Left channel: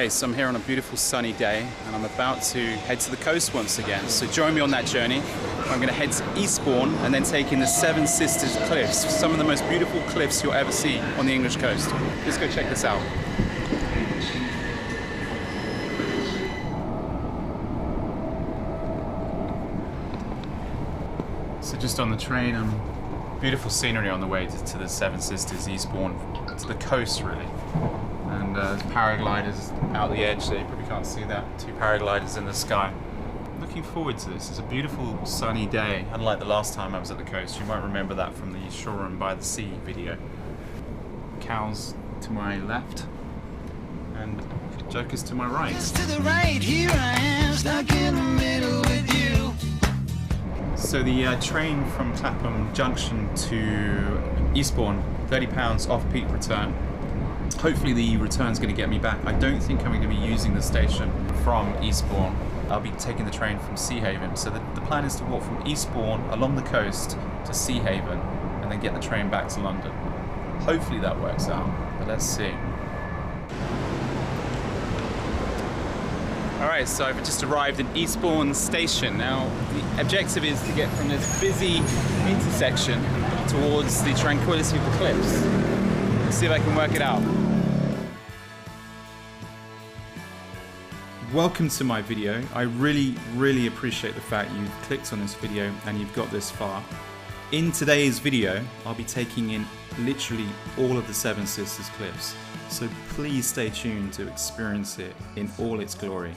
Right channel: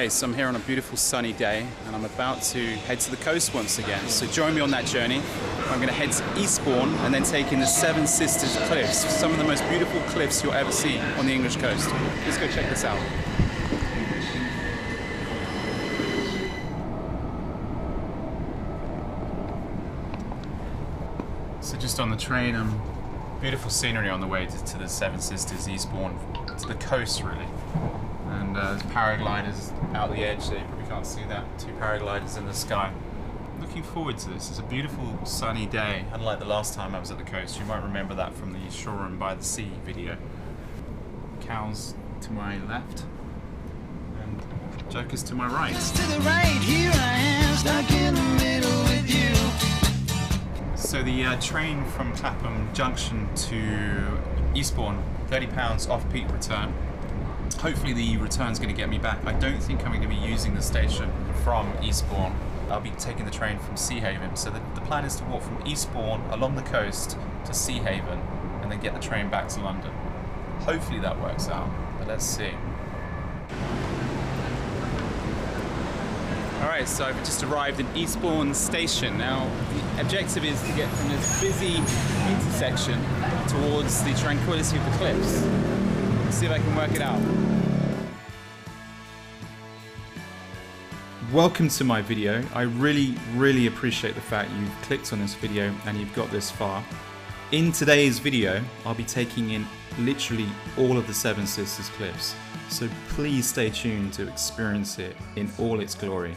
Okay, so I'm here on a beautiful sunny day and I'm about to head to the coast once again. So join me on that journey. I'm going to head to Eastbourne and then take in the Seven Sisters Cliffs, some of the most beautiful cliffs you'll ever see on the English coast. Let's go check this out. So just on the train, beautiful scenery on the way to the Seven Sisters, Eastbourne, to the coast really. And there's paragliders out the edge there, you probably can't see that. Two paragliders in the sky. Looking forward to this. It's a beautiful sunny day, unlike the last time I was at the coast. You might remember that from the Shore and by the Sea video. Cows to my left and jokers to my right. Just to the right, here I am, stuck in the middle with you. So the train from Clapham Junction to Eastbourne, £30 off peak return. Hopefully the return's going to get me back. I don't think I'm going to be using the station from Eastbourne. I'll be taking the train from Seahaven. So the plan is to walk from Eastbourne along the coast to Seahaven and then get the train back to London. Hopefully that works out, but let's see. Alright, so I've just arrived in Eastbourne station. Now the objective is to get from this busy intersection towards the tranquility of the cliffs. Let's see if I can work it out. Welcome to my video. I really appreciate the fact you've clicked on this video and you've got this far. In today's video, I'll be taking in literally all of the Seven Sisters cliffs. So please stay tuned to experience it in all its glory.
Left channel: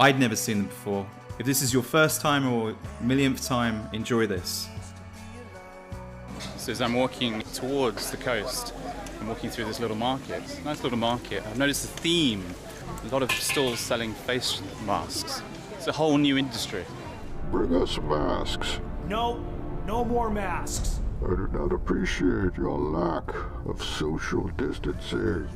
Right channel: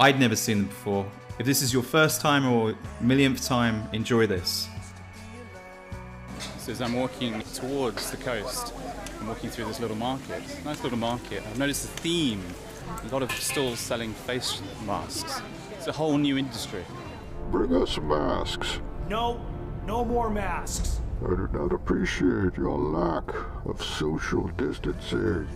I'd never seen them before. If this is your first time or millionth time, enjoy this. So as I'm walking towards the coast, I'm walking through this little market. Nice little market. I've noticed a theme. A lot of stalls selling face masks. It's a whole new industry. Bring us masks. No more masks. I do not appreciate your lack of social distancing.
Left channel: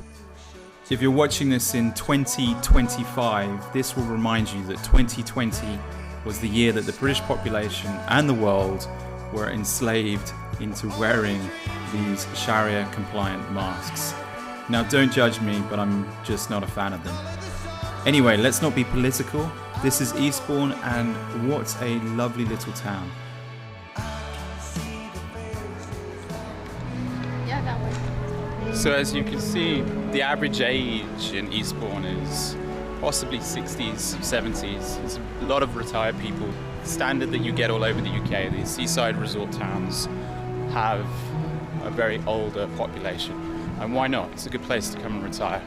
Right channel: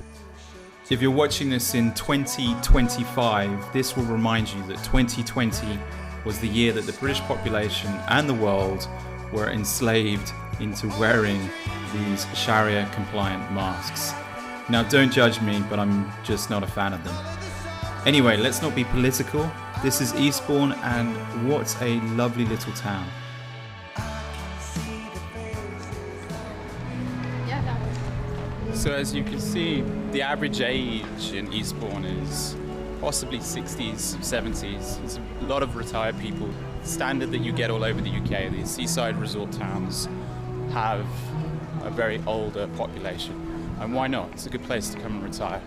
If you're watching this in 2025, this will remind you that 2020 was the year that the British population and the world were enslaved into wearing these Sharia compliant masks. Now don't judge me, but I'm just not a fan of them. Anyway, let's not be political. This is Eastbourne and what a lovely little town. Yeah, that way. So as you can see, the average age in Eastbourne is possibly 60s, 70s. There's a lot of retired people. Standard that you get all over the UK. These seaside resort towns have a very older population. And why not? It's a good place to come and retire.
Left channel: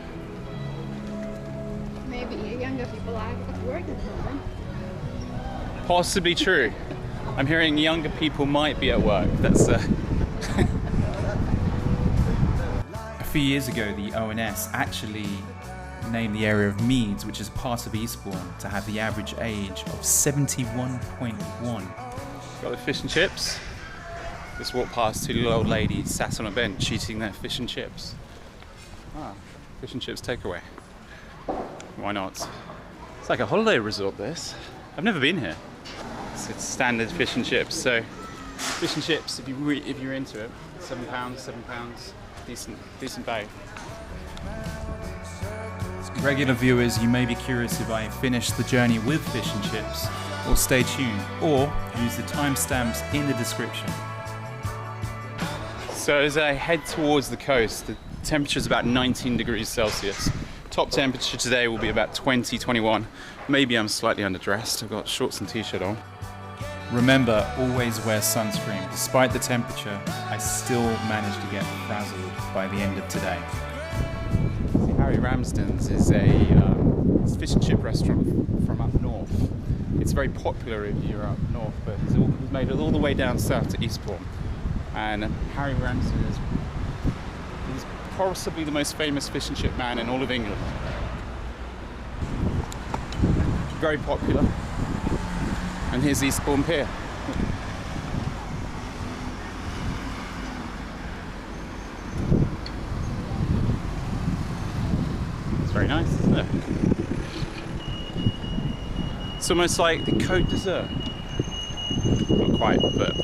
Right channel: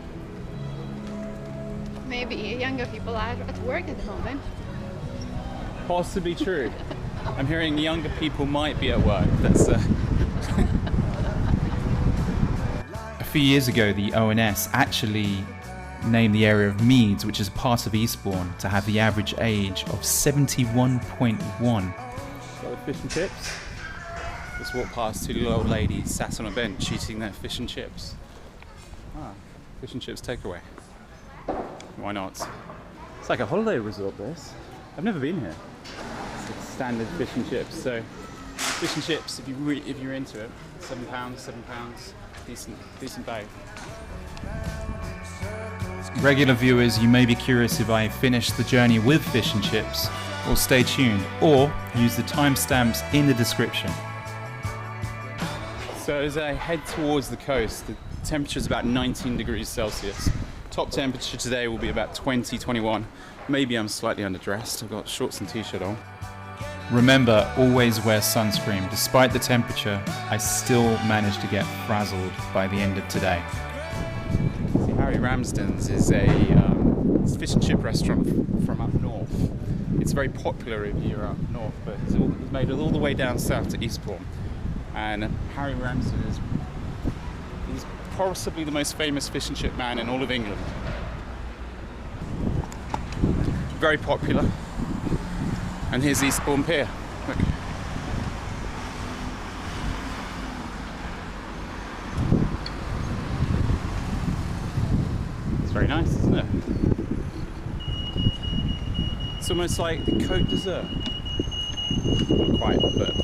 Maybe younger people are at work at the moment. Possibly true. I'm hearing younger people might be at work. That's A few years ago, the ONS actually named the area of Meads, which is part of Eastbourne, to have the average age of 71.1. Got the fish and chips. Just walked past two little old ladies sat on a bench eating their fish and chips. Ah, fish and chips takeaway. Why not? It's like a holiday resort, this. I've never been here. It's standard fish and chips. So, fish and chips, if you're into it, £7, decent bag. Regular viewers, you may be curious if I finish the journey with fish and chips, or stay tuned, or use the timestamps in the description. So as I head towards the coast, the temperature is about 19 degrees Celsius. Top temperature today will be about 20, 21. Maybe I'm slightly underdressed. I've got shorts and t-shirt on. Remember, always wear sunscreen. Despite the temperature, I still managed to get frazzled by the end of today. See, Harry Ramsden's is a fish and chip restaurant from up north. It's very popular if you're up north, but he's made it all the way down south to Eastbourne. And Harry Ramsden he's possibly the most famous fish and chip man in all of England. Very popular. And here's Eastbourne Pier. Look. It's very nice, isn't it? It's almost like the Côte d'Azur. Not quite, but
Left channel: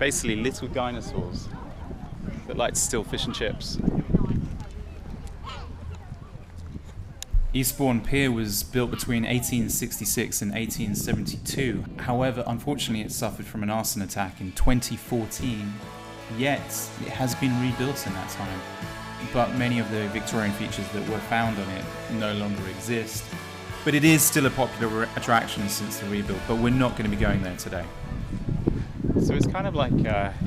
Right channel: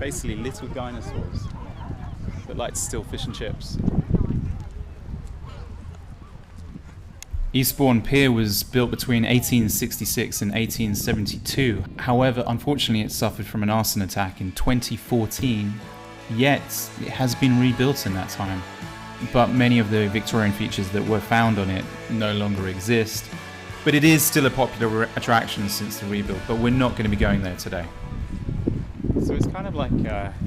Basically little dinosaurs that like to steal fish and chips. Eastbourne Pier was built between 1866 and 1872. However, unfortunately, it suffered from an arson attack in 2014, yet it has been rebuilt in that time. But many of the Victorian features that were found on it no longer exist. But it is still a popular attraction since the rebuild, but we're not going to be going there today. So it's kind of like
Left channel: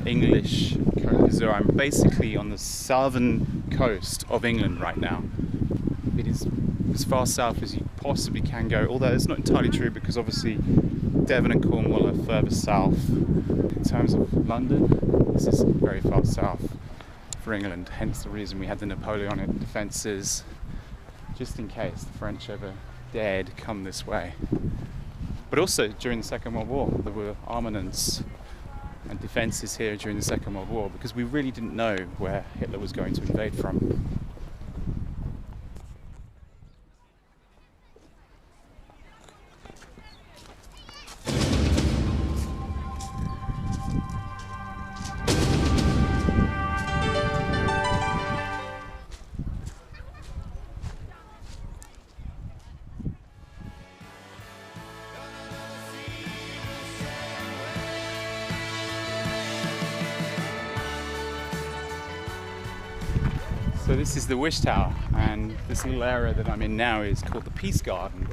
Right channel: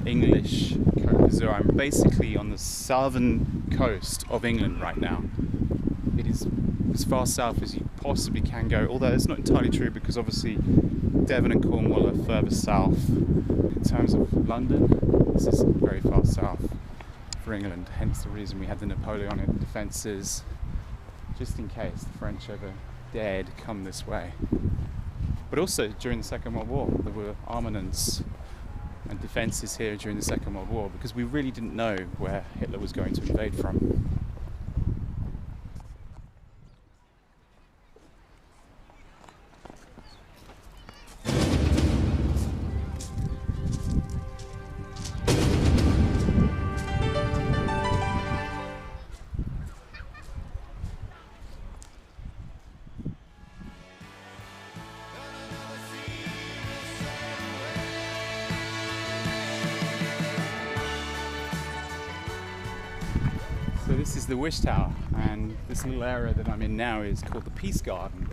English Côte d'Azur. I'm basically on the southern coast of England right now. It is as far south as you possibly can go, although it's not entirely true because obviously Devon and Cornwall are further south. In terms of London, this is very far south for England, hence the reason we had the Napoleonic defences, just in case the French ever dared come this way. But also during the Second World War, there were armaments and defences here during the Second World War because we really didn't know where Hitler was going to invade from. So this is the Wish Tower, and this little area that I'm in now is called the Peace Garden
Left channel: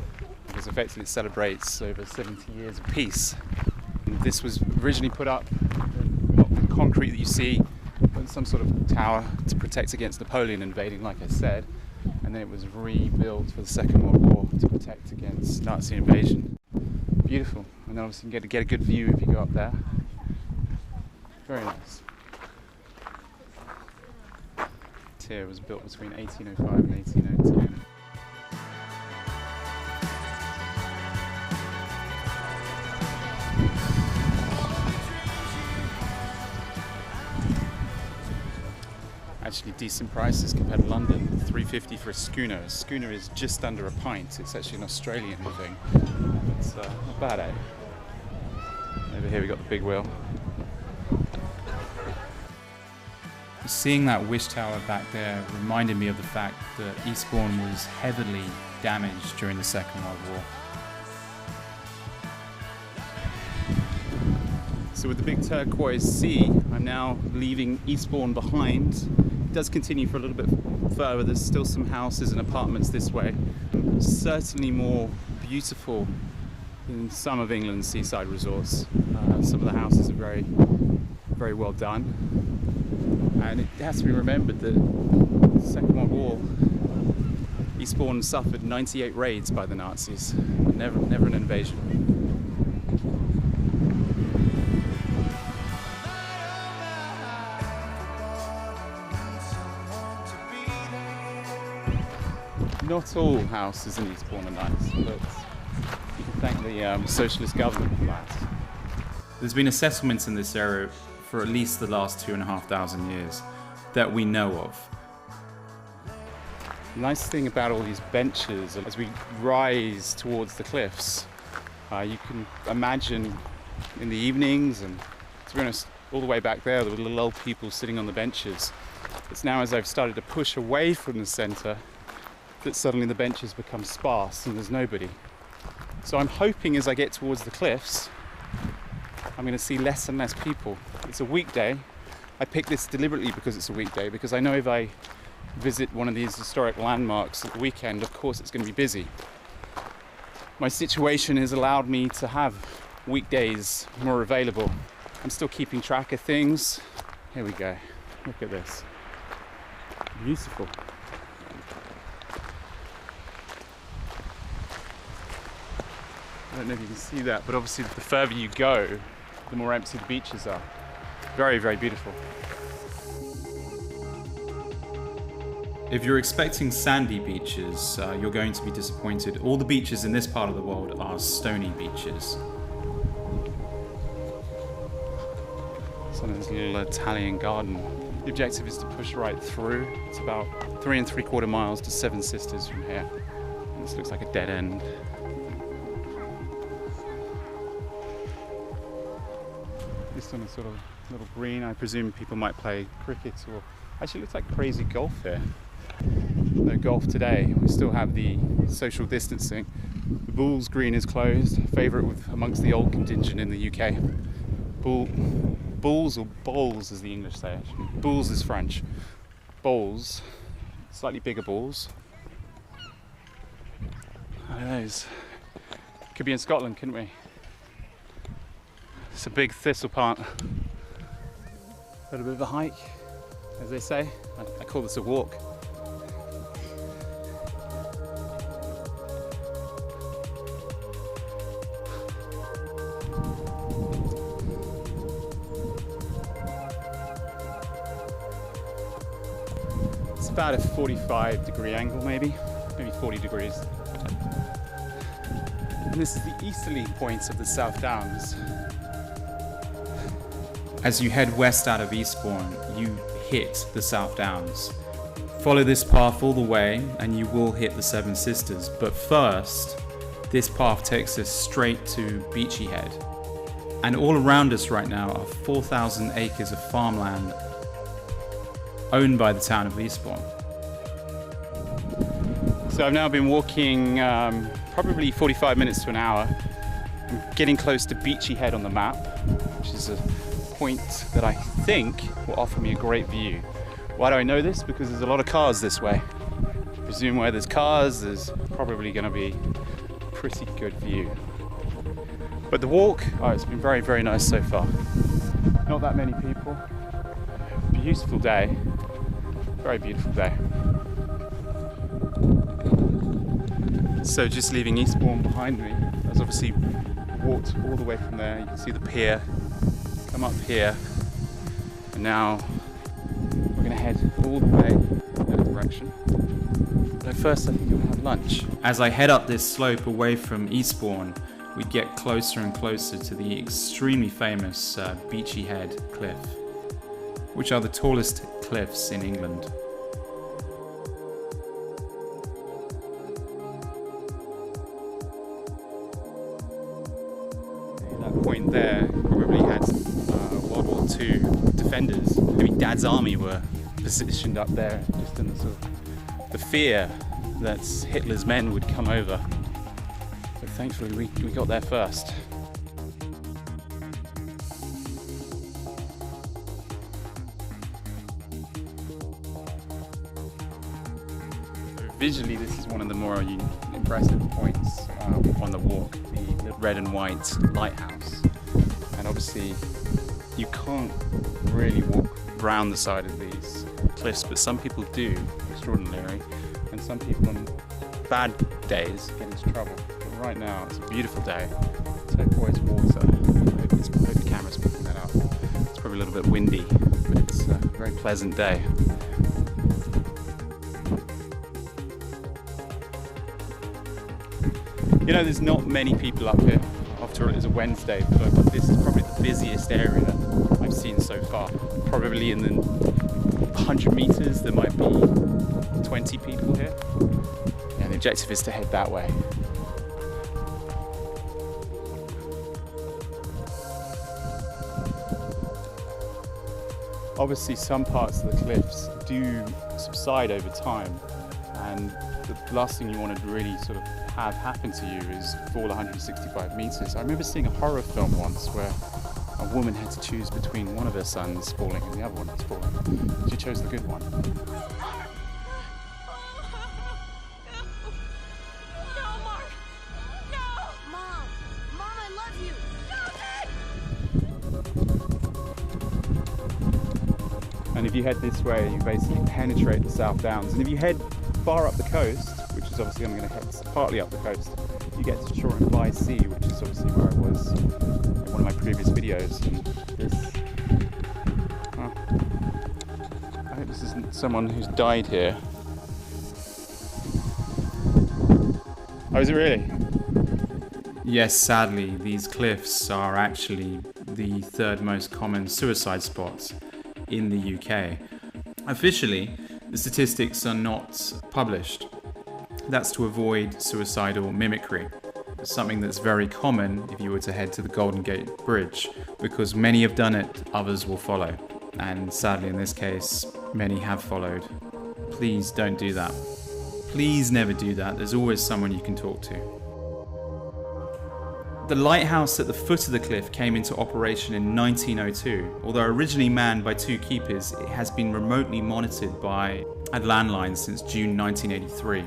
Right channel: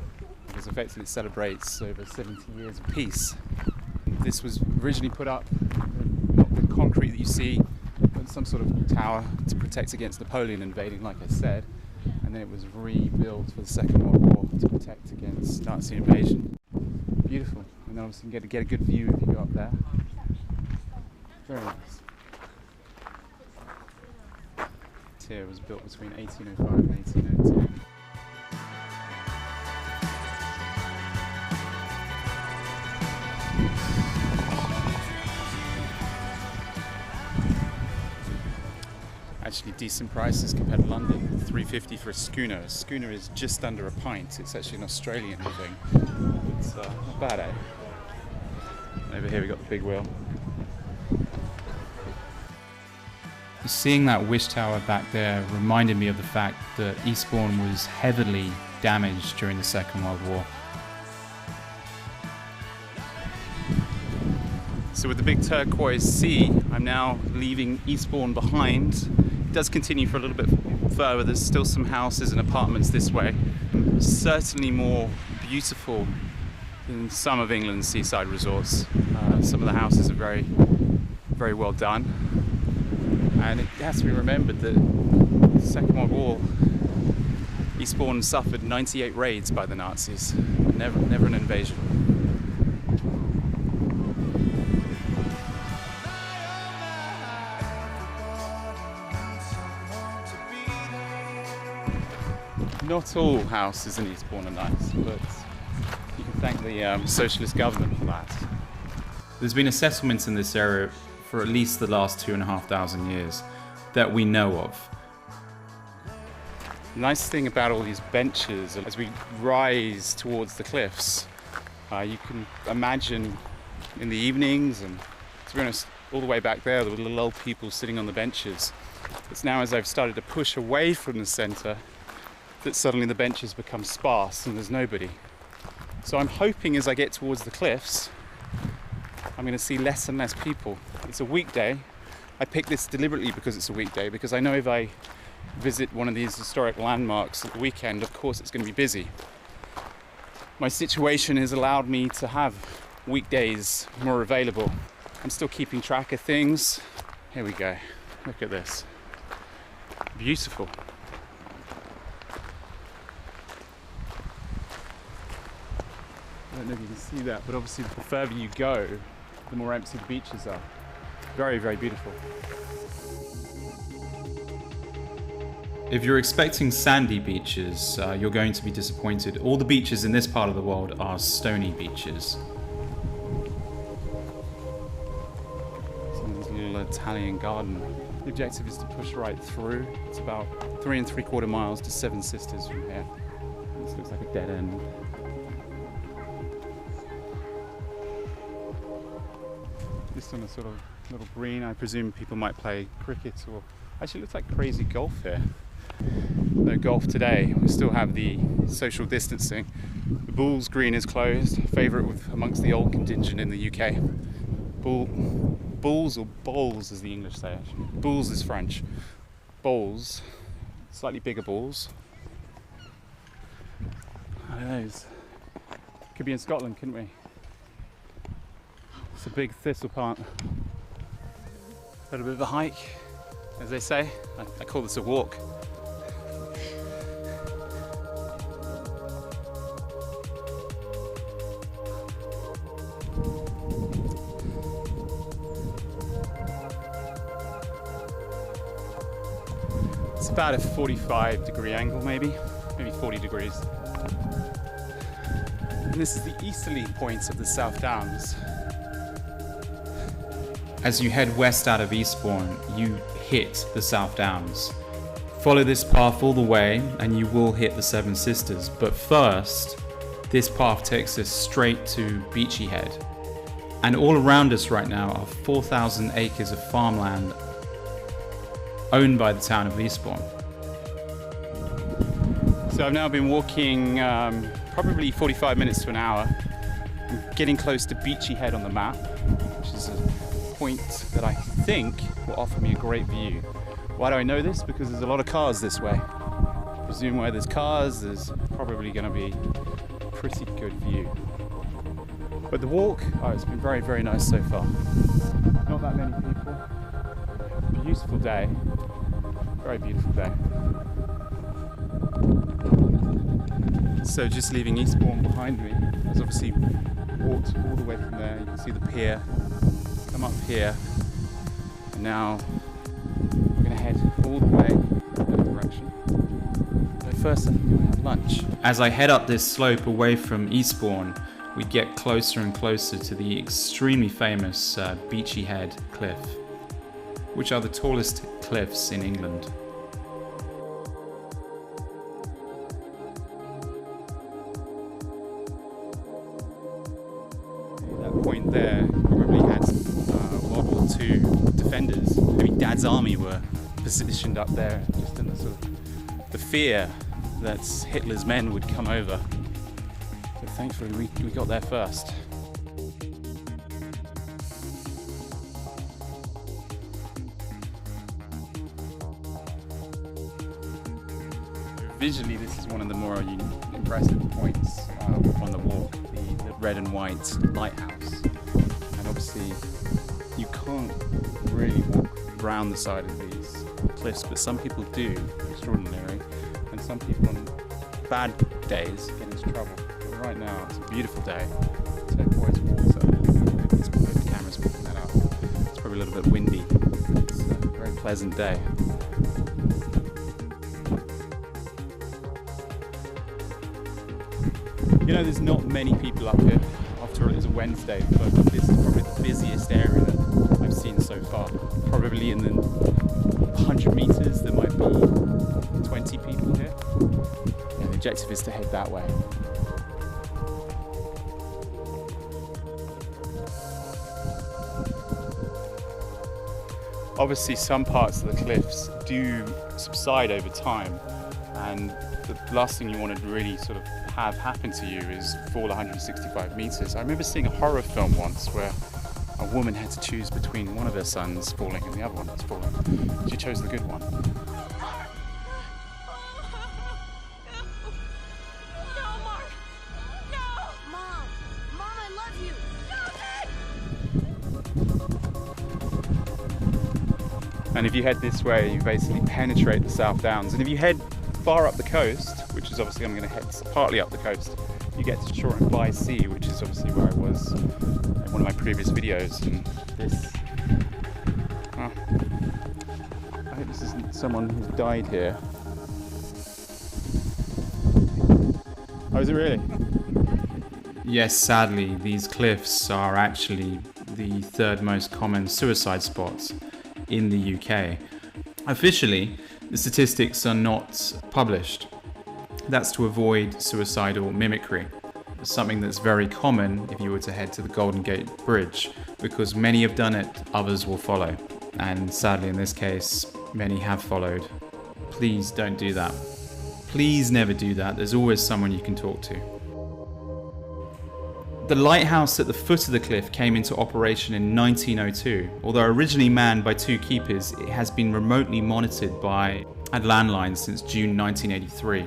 because effectively it celebrates over 70 years of peace. And this was originally put up, not with concrete that you see, but some sort of tower to protect against Napoleon invading, like I said, and then it was rebuilt for the Second World War to protect against Nazi invasion. Beautiful, and then obviously you can get a good view if you go up there. Very nice. Here was built between 1805 and 1810. Actually decent prices compared to London. $3.50 for a schooner. A schooner is just under a pint. It's actually an Australian thing. But not bad, eh? Over here we got the big wheel. Seeing that Wish Tower back there reminded me of the fact that Eastbourne was heavily damaged during the Second World War. So with the big turquoise sea, I'm now leaving Eastbourne behind. It does continue for a little bit further. There's still some houses and apartments this way. Certainly more beautiful than some of England's seaside resorts. Some of the houses are very, very well done. And it has to be remembered that the Second World War, Eastbourne suffered 98 raids by the Nazis, but never an invasion. Not all houses in Eastbourne are nice, but you can thank the socialist government for that. There's been a settlement in this area for at least the last 2,500 years that we know of. The nice thing about all these benches, as we rise towards the cliffs, you can imagine in the evenings, and to be honest, all the way back there were little old people sitting on the benches. It's now as I've started to push away from the centre that suddenly the benches become sparse and there's nobody. So I'm hoping as I get towards the cliffs, I'm going to see less and less people. It's a weekday. I picked this deliberately because it's a weekday, because I know if I visit one of these historic landmarks at the weekend, of course it's going to be busy. My situation has allowed me to have weekdays more available. I'm still keeping track of things. Here we go. Look at this. Beautiful. I don't know if you can see that, but obviously the further you go, the more empty the beaches are. Very, very beautiful. If you're expecting sandy beaches, you're going to be disappointed. All the beaches in this part of the world are stony beaches. It's on this little Italian garden. The objective is to push right through. It's about 3 3/4 miles to Seven Sisters from here. And this looks like a dead end. Just on a sort of Little green. I presume people might play cricket or... Actually, it looks like crazy golf here. No golf today. We still have the social distancing. The Bulls green is closed. Favourite amongst the old contingent in the UK. Bulls or bowls as the English say it. Bulls is French. Bowls, slightly bigger balls. Look at those. Could be in Scotland, couldn't we? It's a big thistle plant. A little bit of a hike, as they say. I call this a walk. It's about a 45-degree angle, maybe 40 degrees. And this is the easterly point of the South Downs. As you head west out of Eastbourne, you hit the South Downs. Follow this path all the way and you will hit the Seven Sisters, but first, this path takes us straight to Beachy Head. And all around us right now are 4,000 acres of farmland owned by the town of Eastbourne. So I've now been walking probably 45 minutes to an hour. I'm getting close to Beachy Head on the map, which is a point that I think will offer me a great view. Why do I know this? Because there's a lot of cars this way. I presume where there's cars, there's probably going to be a pretty good view. But the walk, it's been very, very nice so far. Not that many people. Beautiful day. Very beautiful day. So just leaving Eastbourne behind me, I've obviously walked all the way from there. You can see the pier, come up here, and now we're going to head all the way in that direction. But first I think I'm going to have lunch. As I head up this slope away from Eastbourne, we get closer and closer to the extremely famous Beachy Head cliff, which are the tallest cliffs in England. That point there probably had World War II defenders. Maybe Dad's army were positioned up there, just in the sort of the fear that Hitler's men would come over. But thankfully we got there first. Visually, this is one of the more impressive points on the walk, the red and white lighthouse. And obviously, you can't really walk round the side of these cliffs, but some people do, extraordinarily, and some people on bad days get into trouble. But right now, it's a beautiful day. Turquoise water. I hope the camera's picking that up. It's probably a little bit windy, but it's a very pleasant day. You know, there's not many people up here. After all, it is a Wednesday, but this is probably the busiest area I've seen so far. Probably in the 100 meters, there might be 20 people here. Yeah, the objective is to head that way. Obviously, some parts of the cliffs do subside over time, and the last thing you want to really sort of have happen to you is fall 165 meters. I remember seeing a horror film once where a woman had to choose between one of her sons falling and the other one was falling. She chose the good one. No, Mark! No! Mom! Mom, I love you! Stop it! And if you head this way, you basically penetrate the South Downs. And if you head far up the coast, which is obviously I'm going to head partly up the coast, you get to Shore and by Sea, which is obviously where I was in one of my previous videos. And this, I hope this isn't someone who's died here. Oh, is it really? Yes, sadly, these cliffs are actually the third most common suicide spots in the UK. Officially, the statistics are not published. That's to avoid suicidal mimicry. something that's very common if you were to head to the Golden Gate Bridge, because many have done it, others will follow. And sadly in this case, many have followed. Please don't do that. Please never do that. There's always someone you can talk to. The lighthouse at the foot of the cliff came into operation in 1902. Although originally manned by 2 keepers, it has been remotely monitored by a landline since June 1983.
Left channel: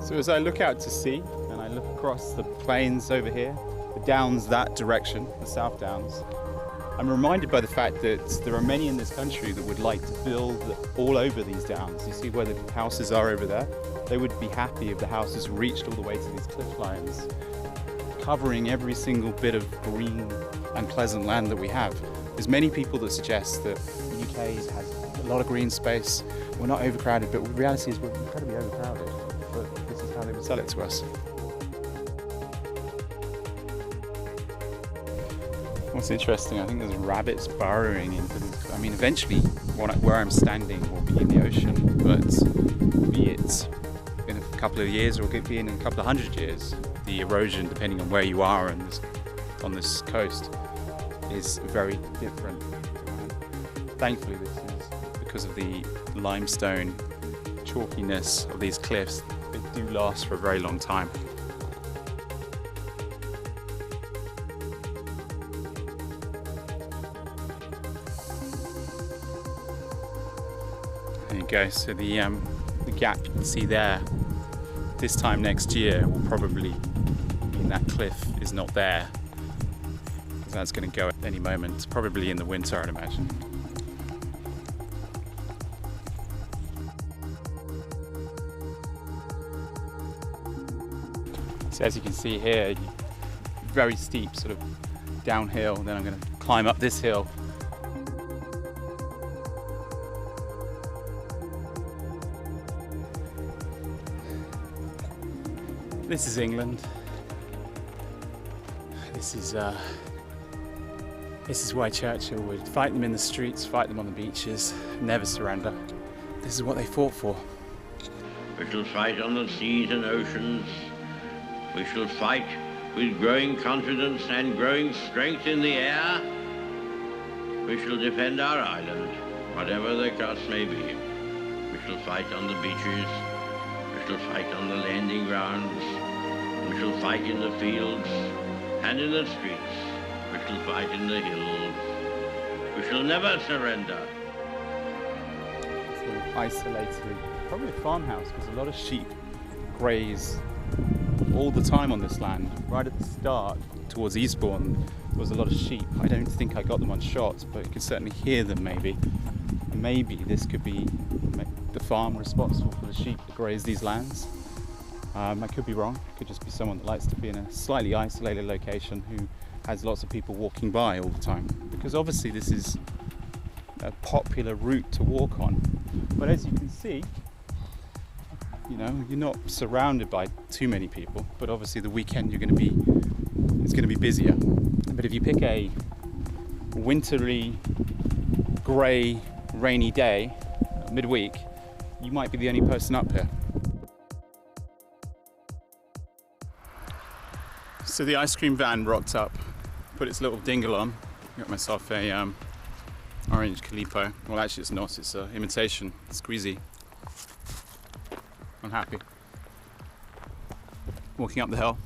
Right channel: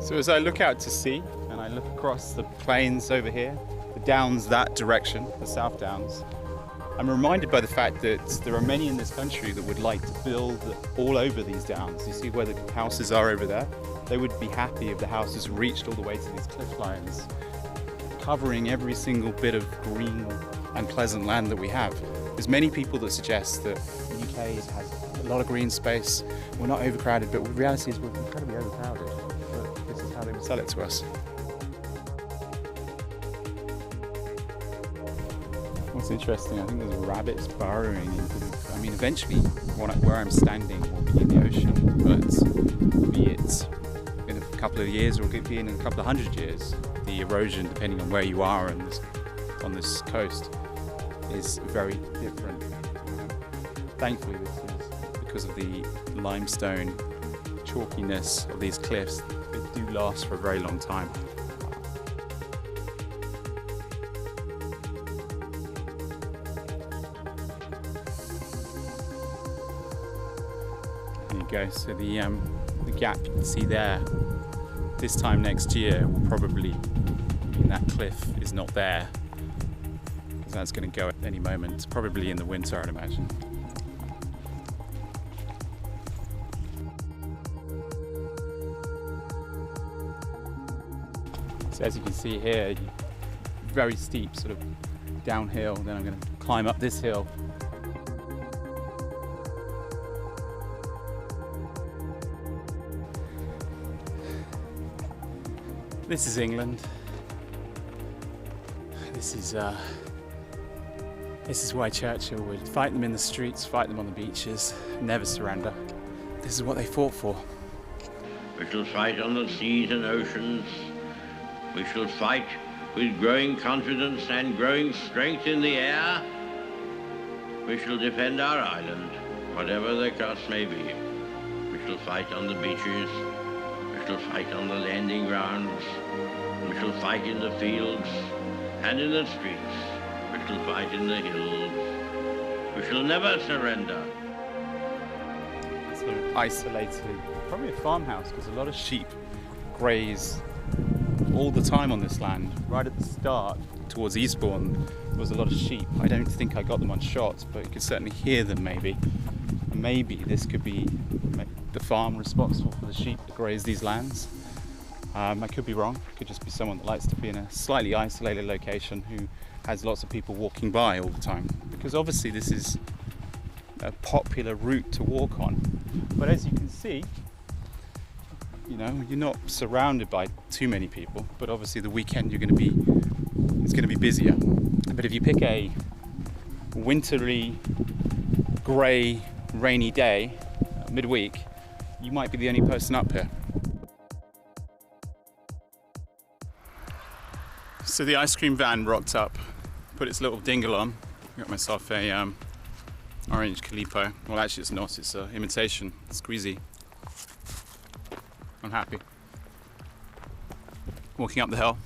So as I look out to sea and I look across the plains over here, the downs that direction, the South Downs, I'm reminded by the fact that there are many in this country that would like to build all over these downs. You see where the houses are over there? They would be happy if the houses reached all the way to these cliff lines, covering every single bit of green and pleasant land that we have. There's many people that suggest that the UK has a lot of green space, we're not overcrowded, but the reality is we're incredibly overcrowded. But this is how they would sell it to us. What's interesting, I think there's rabbits burrowing into the... I mean, eventually where I'm standing will be in the ocean, but be it in a couple of years or it could be in a couple of 100 years, the erosion, depending on where you are on this coast, is very different. Thankfully, this is because of the limestone chalkiness of these cliffs. They do last for a very long time. There you go. So the gap you can see there, this time next year will probably mean that cliff is not there, because that's going to go at any moment, probably in the winter, I'd imagine. So as you can see here, very steep sort of downhill, and then I'm going to climb up this hill. This is England. This is why Churchill would fight them in the streets, fight them on the beaches, never surrender. This is what they fought for. We shall fight on the seas and oceans. We shall fight with growing confidence and growing strength in the air. We shall defend our island, whatever the cost may be. We shall fight on the beaches. We shall fight on the landing grounds. We shall fight in the fields and in the streets. We shall fight in the hills. We shall never surrender. Sort of isolated, probably a farmhouse, because a lot of sheep graze all the time on this land. Right at the start, towards Eastbourne, there was a lot of sheep. I don't think I got them on shot, but you could certainly hear them maybe. And maybe this could be the farm responsible for the sheep that graze these lands. I could be wrong. It could just be someone that likes to be in a slightly isolated location who has lots of people walking by all the time. Because obviously this is a popular route to walk on. But as you can see, you know, you're not surrounded by too many people, but obviously the weekend it's going to be busier. But if you pick a wintry, grey, rainy day, midweek, you might be the only person up here. So the ice cream van rocked up, put its little dingle on. Got myself a orange Calippo. Well, actually it's not, it's an imitation, squeezy. I'm happy. Walking up the hill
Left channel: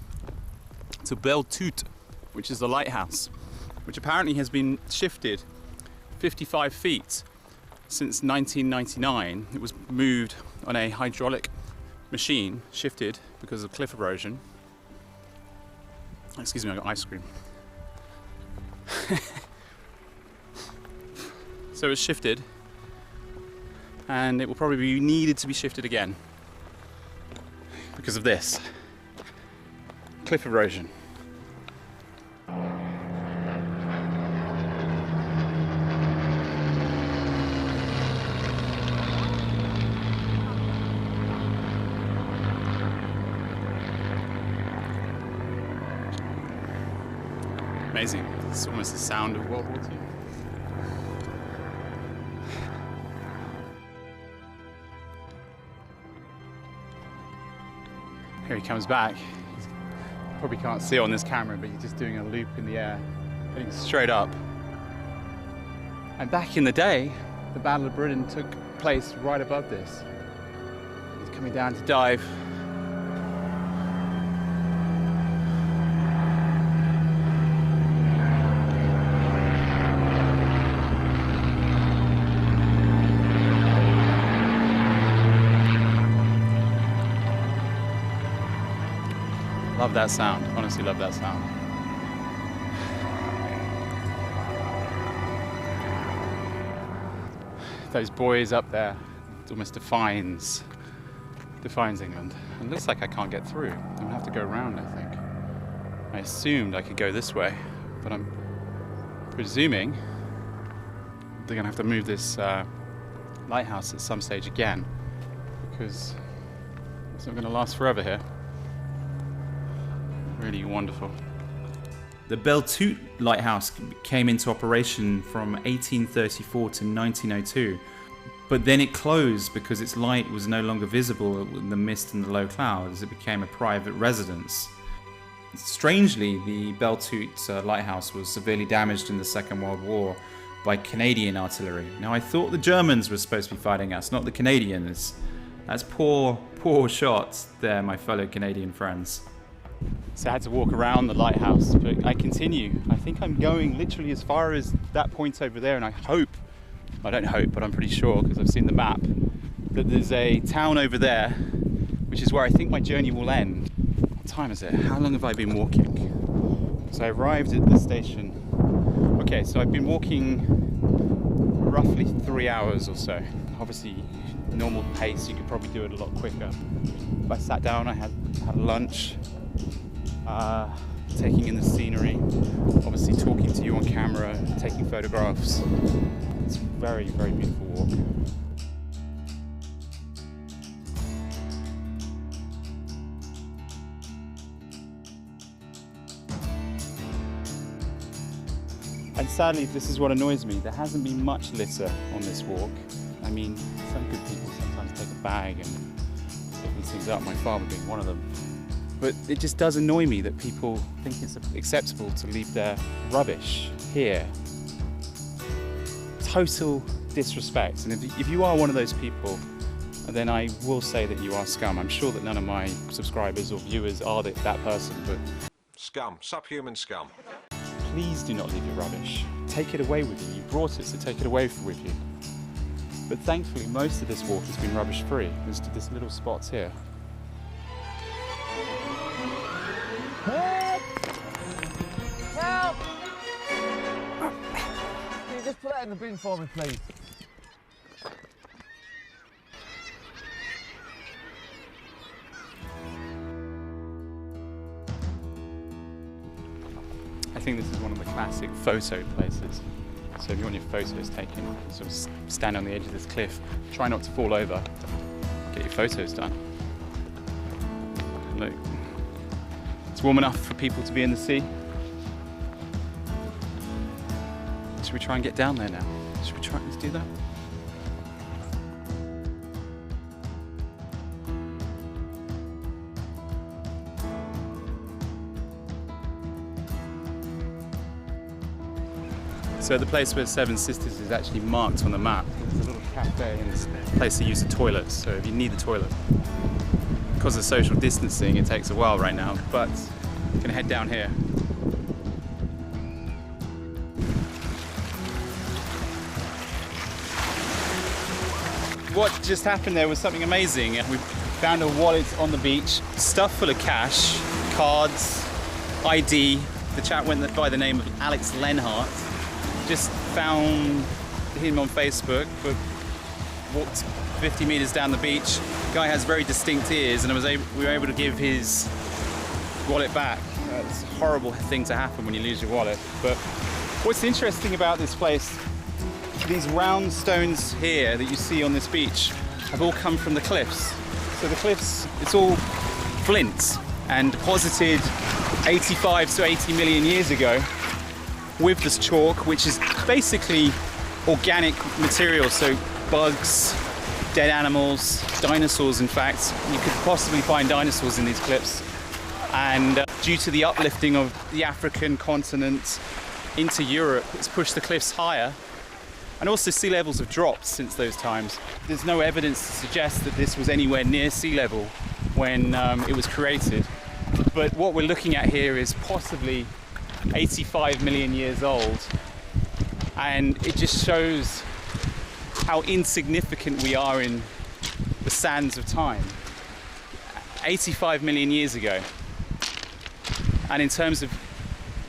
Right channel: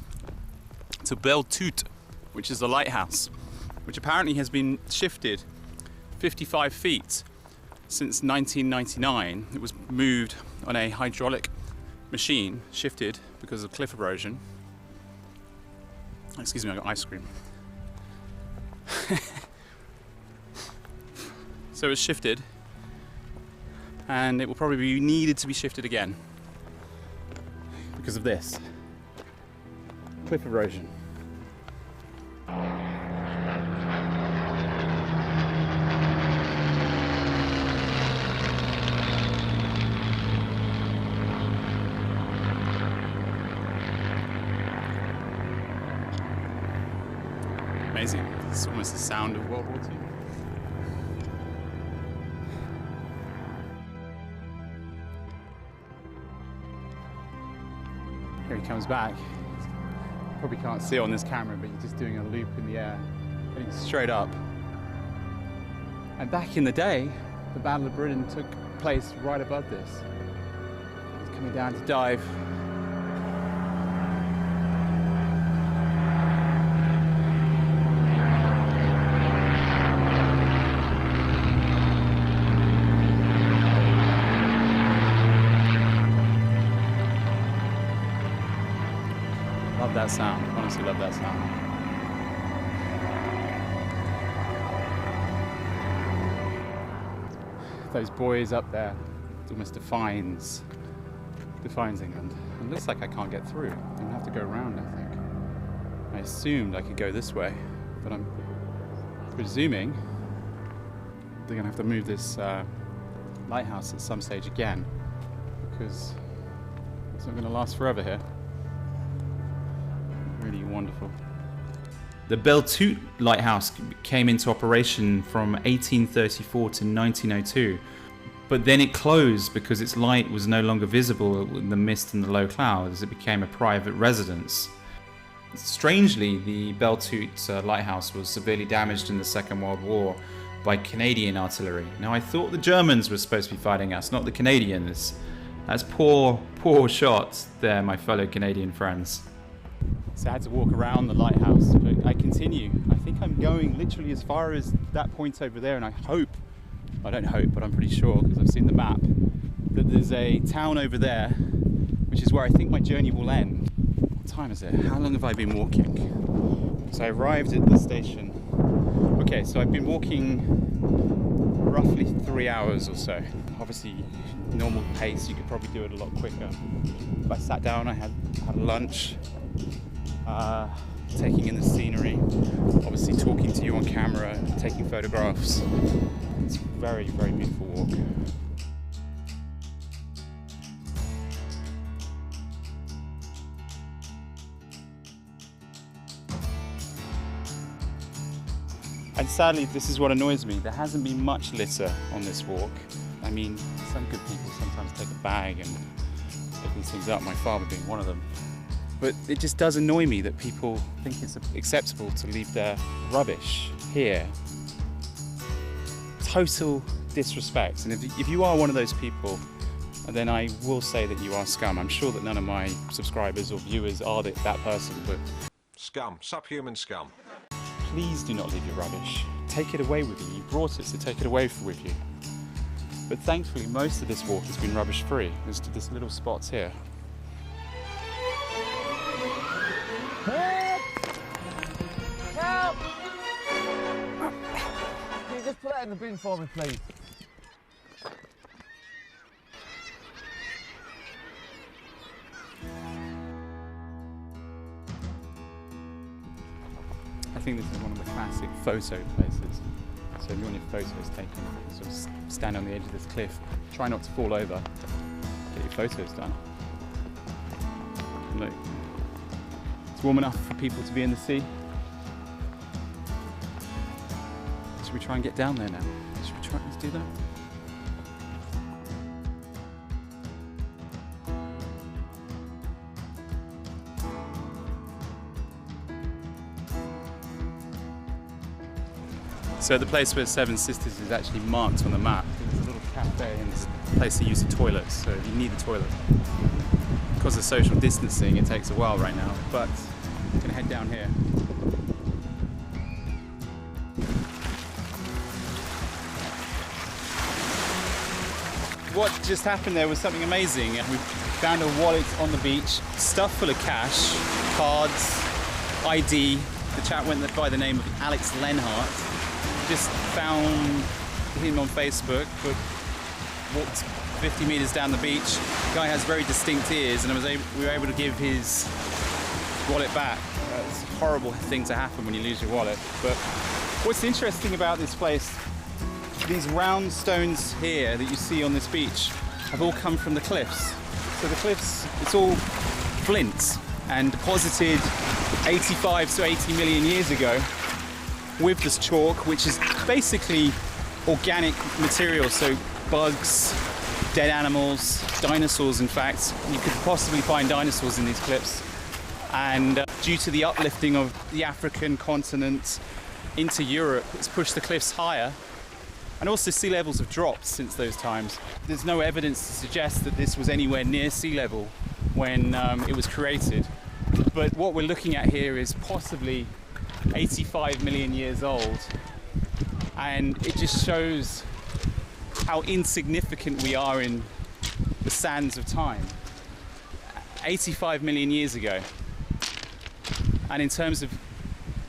to Belle Toute, which is the lighthouse, which apparently has been shifted 55 feet since 1999. It was moved on a hydraulic machine, shifted because of cliff erosion. Excuse me, I got ice cream. So it's shifted, and it will probably be needed to be shifted again because of this cliff erosion. Amazing. It's almost the sound of World War II. Here he comes back. Probably can't see it on this camera, but he's just doing a loop in the air, heading straight up. And back in the day, the Battle of Britain took place right above this. He's coming down to dive. Love that sound, honestly love that sound. Those buoys up there, it almost defines England. It looks like I can't get through. I'm gonna have to go around, I think. I assumed I could go this way, but I'm presuming they're gonna have to move this lighthouse at some stage again, because it's not gonna last forever here. Really wonderful. The Beltute Lighthouse came into operation from 1834 to 1902, but then it closed because its light was no longer visible in the mist and the low clouds. It became a private residence. Strangely, the Beltute Lighthouse was severely damaged in the Second World War by Canadian artillery. Now, I thought the Germans were supposed to be fighting us, not the Canadians. That's poor shot there, my fellow Canadian friends. So I had to walk around the lighthouse, but I continue. I think I'm going literally as far as that point over there, and I don't hope, but I'm pretty sure because I've seen the map, that there's a town over there, which is where I think my journey will end. What time is it? How long have I been walking? So I arrived at the station. Okay, so I've been walking roughly 3 hours or so. Obviously, normal pace, you could probably do it a lot quicker. If I sat down, I had lunch. Taking in the scenery, obviously talking to you on camera, taking photographs. It's a very, very beautiful walk. And sadly, this is what annoys me. There hasn't been much litter on this walk. I mean, some good people sometimes take a bag and pick these things up, my father being one of them. But it just does annoy me that people think it's acceptable to leave their rubbish here. Total disrespect. And if you are one of those people, then I will say that you are scum. I'm sure that none of my subscribers or viewers are that person, but... Scum. Subhuman scum. Please do not leave your rubbish. Take it away with you. You brought it, so take it away with you. But thankfully, most of this walk has been rubbish-free. There's little spots here. Help! Help! Can you just put that in the bin for me, please? I think this is one of the classic photo places. So if you want your photos taken, sort of stand on the edge of this cliff, try not to fall over, get your photos done. Look. It's warm enough for people to be in the sea. Should we try and get down there now? Should we try and do that? So the place where Seven Sisters is actually marked on the map. There's a little cafe and there's a place to use the toilets, so if you need the toilet. Because of social distancing, it takes a while right now, but I'm gonna head down here. What just happened there was something amazing. We found a wallet on the beach, stuffed full of cash, cards, ID. The chap went by the name of Alex Lenhart. Just found him on Facebook, but walked 50 meters down the beach. The guy has very distinct ears, and we were able to give his wallet back. It's a horrible thing to happen when you lose your wallet. But what's interesting about this place, these round stones here that you see on this beach have all come from the cliffs. So the cliffs, it's all flint and deposited 85 to 80 million years ago with this chalk, which is basically organic material, so bugs, dead animals, dinosaurs in fact. You could possibly find dinosaurs in these cliffs. And due to the uplifting of the African continent into Europe, it's pushed the cliffs higher. And also sea levels have dropped since those times. There's no evidence to suggest that this was anywhere near sea level when it was created. But what we're looking at here is possibly 85 million years old. And it just shows how insignificant we are in the sands of time. 85 million years ago. And in terms of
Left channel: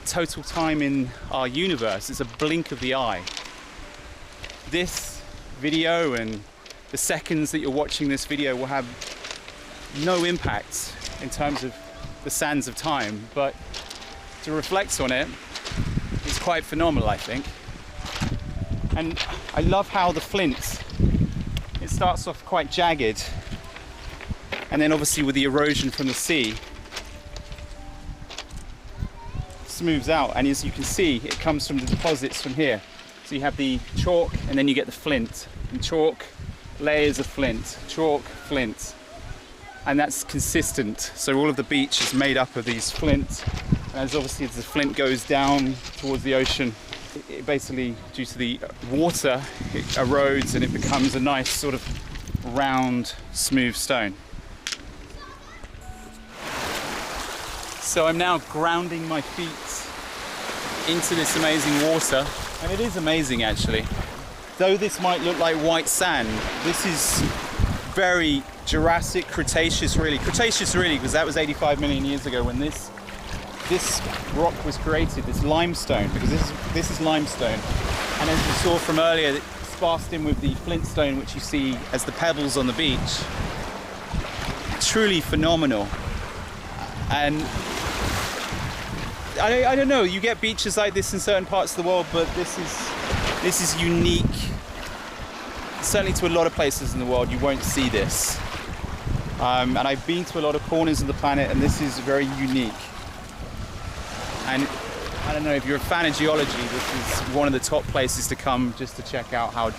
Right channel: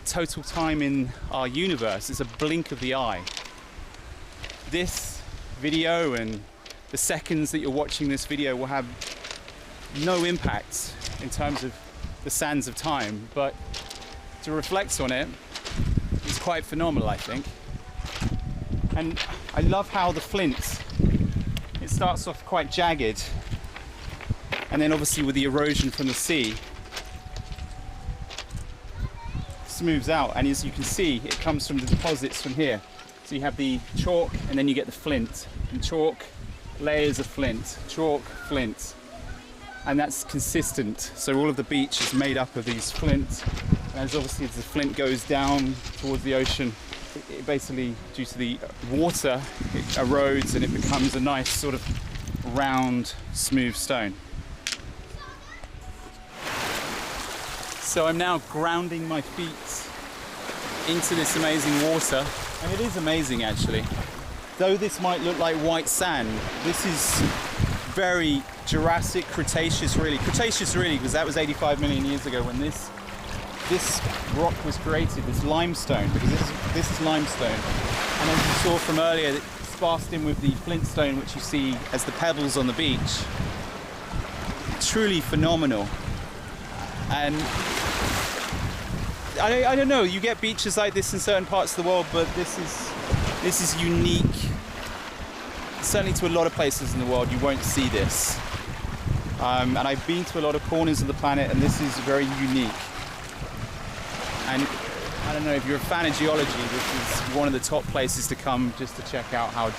total time in our universe, it's a blink of the eye. This video and the seconds that you're watching this video will have no impact in terms of the sands of time, but to reflect on it is quite phenomenal, I think. And I love how the flint, it starts off quite jagged, and then obviously with the erosion from the sea, smooths out, and as you can see, it comes from the deposits from here. So you have the chalk, and then you get the flint, and chalk, layers of flint, chalk, flint, and that's consistent. So all of the beach is made up of these flint, and as obviously as the flint goes down towards the ocean, it basically, due to the water, it erodes and it becomes a nice sort of round, smooth stone. So I'm now grounding my feet into this amazing water, and it is amazing actually. Though this might look like white sand, this is very Jurassic, Cretaceous really, because that was 85 million years ago when this rock was created, this limestone, because this is limestone. And as you saw from earlier, it's sparsed in with the flintstone, which you see as the pebbles on the beach. Truly phenomenal. And I don't know, you get beaches like this in certain parts of the world, but this is unique. Certainly to a lot of places in the world, you won't see this. And I've been to a lot of corners of the planet, and this is very unique. And I don't know, if you're a fan of geology, this is one of the top places to come just to check out how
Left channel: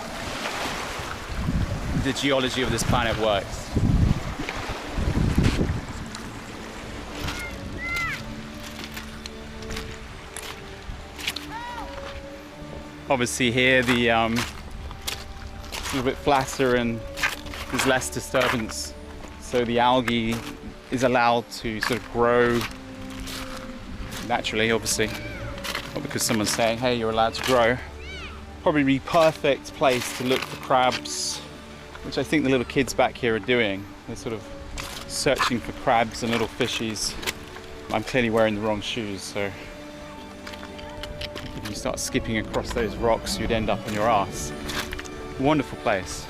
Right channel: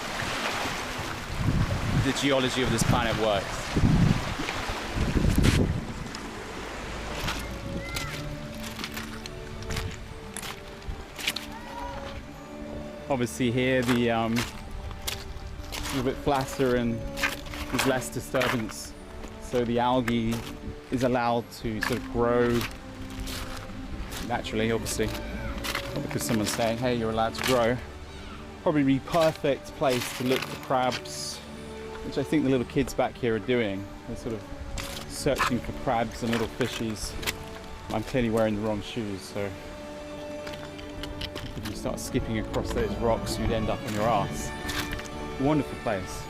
the geology of this planet works. Obviously here the a little bit flatter and there's less disturbance, so the algae is allowed to sort of grow naturally, obviously, not because someone's saying, hey, you're allowed to grow. Probably the perfect place to look for crabs, which I think the little kids back here are doing. They're sort of searching for crabs and little fishies. I'm clearly wearing the wrong shoes, so if you start skipping across those rocks, you'd end up on your ass. Wonderful place.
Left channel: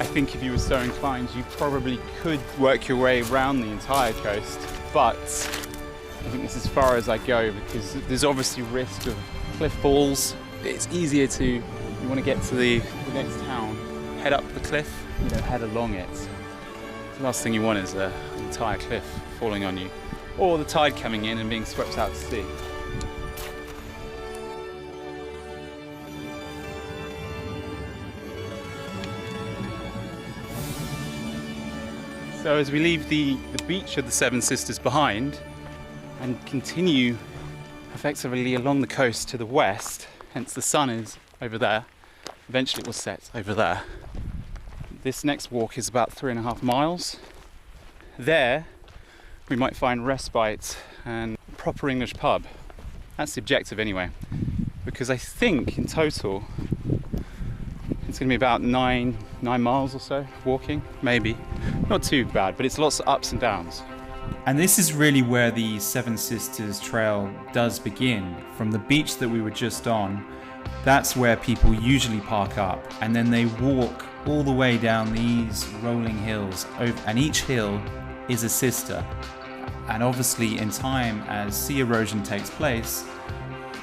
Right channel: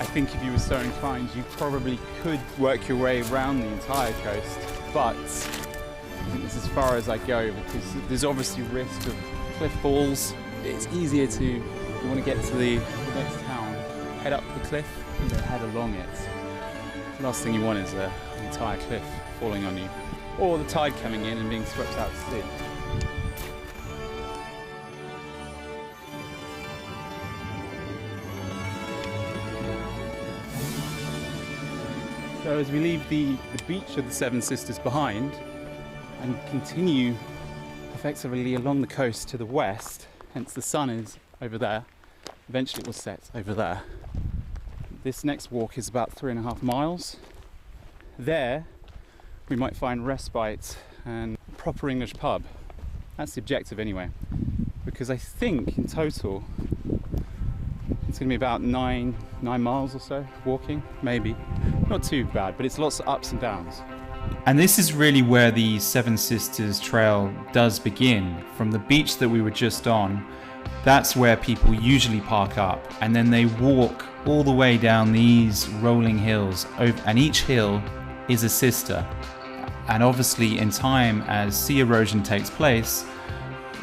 I think if you were so inclined, you probably could work your way around the entire coast, but I think this is as far as I go because there's obviously risk of cliff falls. It's easier to, if you want to get to the next town, head up the cliff, you know, head along it. The last thing you want is an entire cliff falling on you, or the tide coming in and being swept out to sea. So as we leave the beach of the Seven Sisters behind and continue effectively along the coast to the west, hence the sun is over there, eventually it will set over there. This next walk is about 3.5 miles. There we might find respite and a proper English pub. That's the objective anyway, because I think in total it's going to be about 9 miles or so walking, maybe. Not too bad, but it's lots of ups and downs. And this is really where the Seven Sisters Trail does begin. From the beach that we were just on, that's where people usually park up, and then they walk all the way down these rolling hills, and each hill is a sister. And obviously in time, as sea erosion takes place,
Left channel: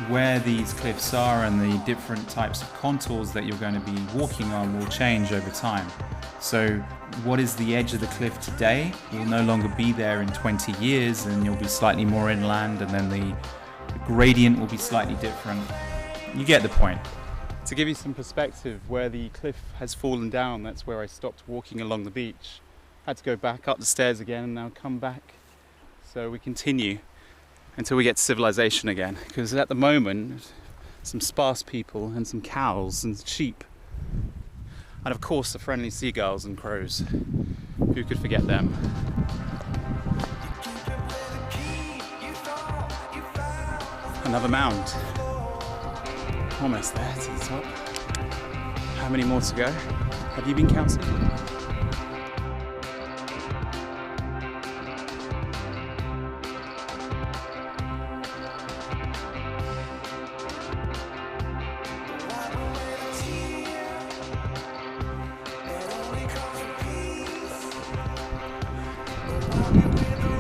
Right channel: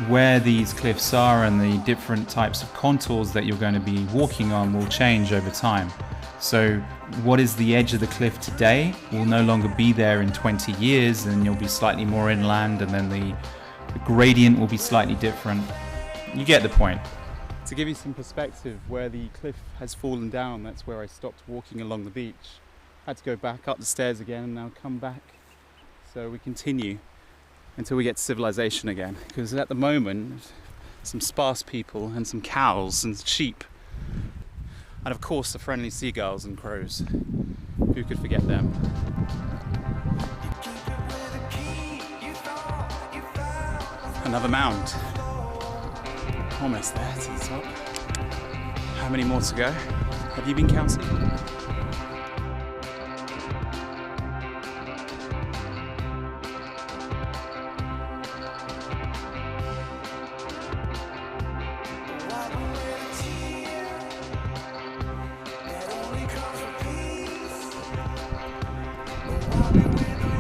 where these cliffs are and the different types of contours that you're going to be walking on will change over time. So what is the edge of the cliff today will no longer be there in 20 years, and you'll be slightly more inland, and then the gradient will be slightly different. You get the point. To give you some perspective, where the cliff has fallen down, that's where I stopped walking along the beach. Had to go back up the stairs again and now come back. So we continue until we get to civilization again, because at the moment some sparse people and some cows and sheep, and of course the friendly seagulls and crows. Who could forget them? Another mound. Almost there to the top. How many more to go? Have you been counting?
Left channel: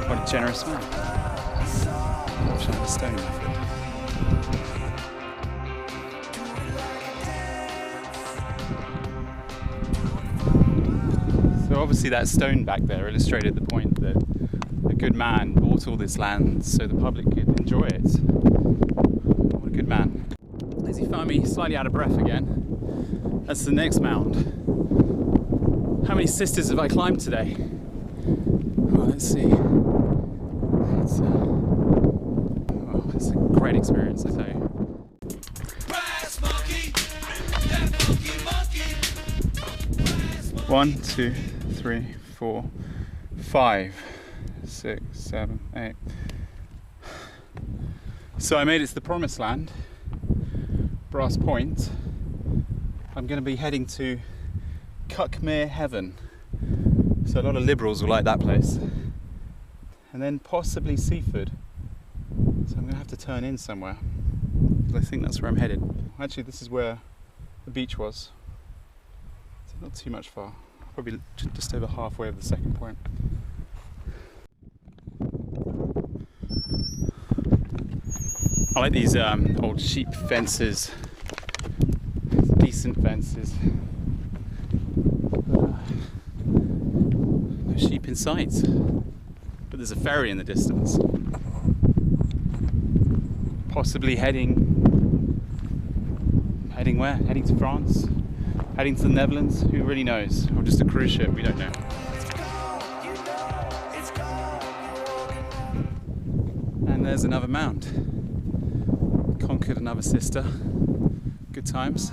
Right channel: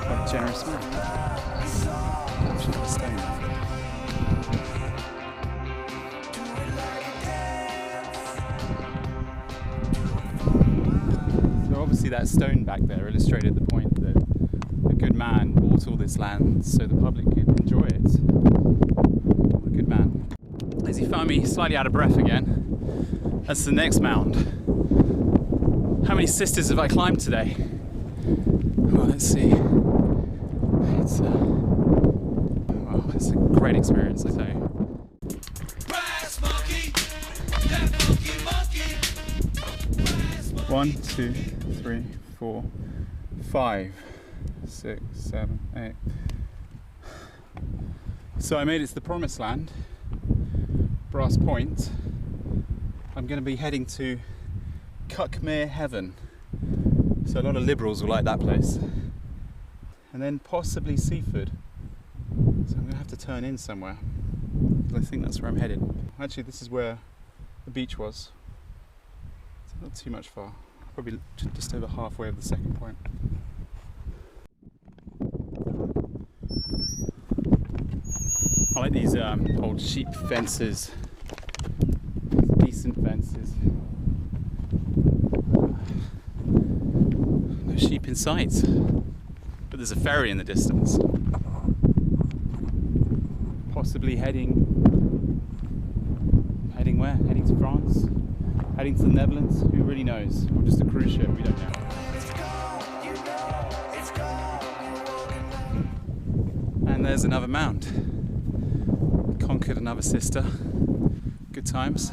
What a generous man. Fortunately, the stone method. So obviously that stone back there illustrated the point that a good man bought all this land so the public could enjoy it. What a good man. As he found me slightly out of breath again, that's the next mound. How many sisters have I climbed today? Well, let's see. It's a great experience, I tell you. Brass monkey, that monkey. 1, 2, 3, 4, 5, 6, 7, 8. So I made it to the promised land, Brass Point. I'm going to be heading to Cuckmere Heaven. So a lot of liberals will like that place. And then possibly Seaford. So I'm going to have to turn in somewhere, because I think that's where I'm headed. Actually, this is where the beach was. So not too much far. Probably just over halfway of the second point. I like these old sheep fences. Decent fences. But no sheep in sight. But there's a ferry in the distance. Possibly heading where? Heading to France? Heading to the Netherlands? Who really knows? Or just a cruise ship? We don't know. And there's another mound. Conquered another sister. Good times.